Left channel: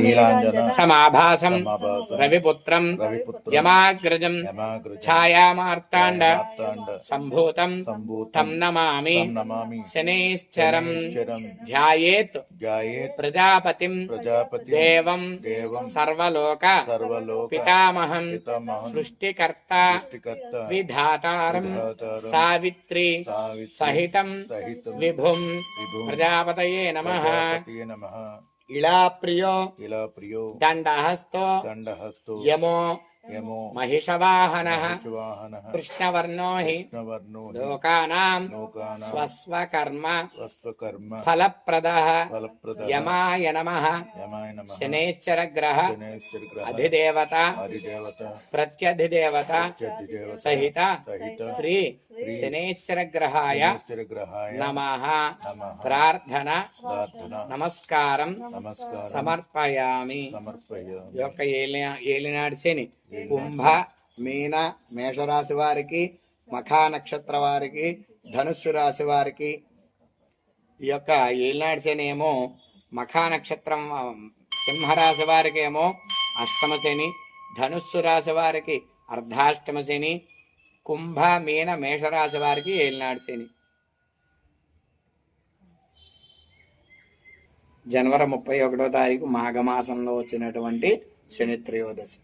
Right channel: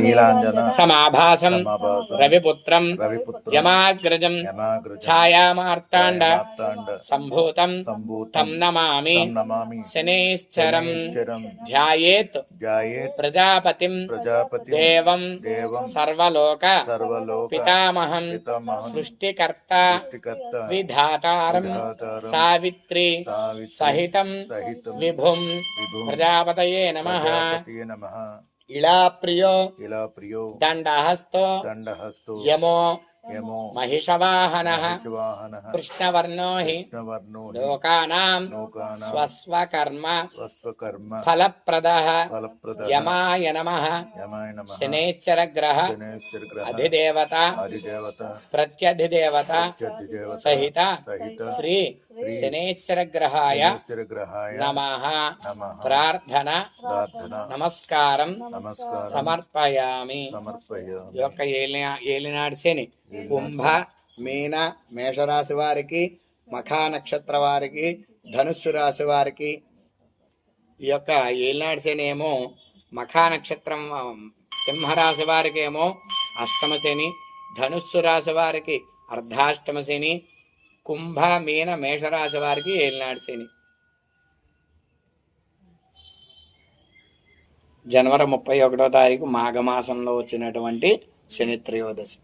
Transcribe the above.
నీలాంజన సమాభాసం రవిపుత్రం యమాగ్రజం ఛాయామార్తాండ సంభూతం తం నమామి శనేశ్చరం ధ్యాయేత్ ప్రజాపతిం దేవం సర్వలోక పితామహం సృష్టికర్త విధాతారం సావిత్రి సహితం విభుం ప్రజాపతయే నమః. ఇలా ప్రియో దండహస్తో యమో महिषवाहनः कृष्णवर्णो हि लोकानां स्वस्वकर्म फलप्रदः यमाय नमः. शनैश्चरग्रह अधिदेवता प्रत्यधिदेवता सहित श्री शनैश्चरग्रहाय नमः. प्रार्थना नमस्कारं समर्पयामि. యొక్క ఏలినాడు శని కుంభ మీన మేషరాశి వారికి, మఖా నక్షత్ర వారికి, ధనుస్సు రాశి వారికి ఈ యొక్క ఏలినాడు శని ఏమో మఖా నక్షత్రం సింహరాశి వారికి ఏమో అష్టమ శని, ధనుస్సు రాశి వారికి అర్ధాష్టమ శని, కుంభ మీన మేషరాశి వారికి ఏలినాడు శని. జనవరి 31వ తారీఖు మాఘమాసంలో వచ్చినటువంటి శని త్రయోదశి.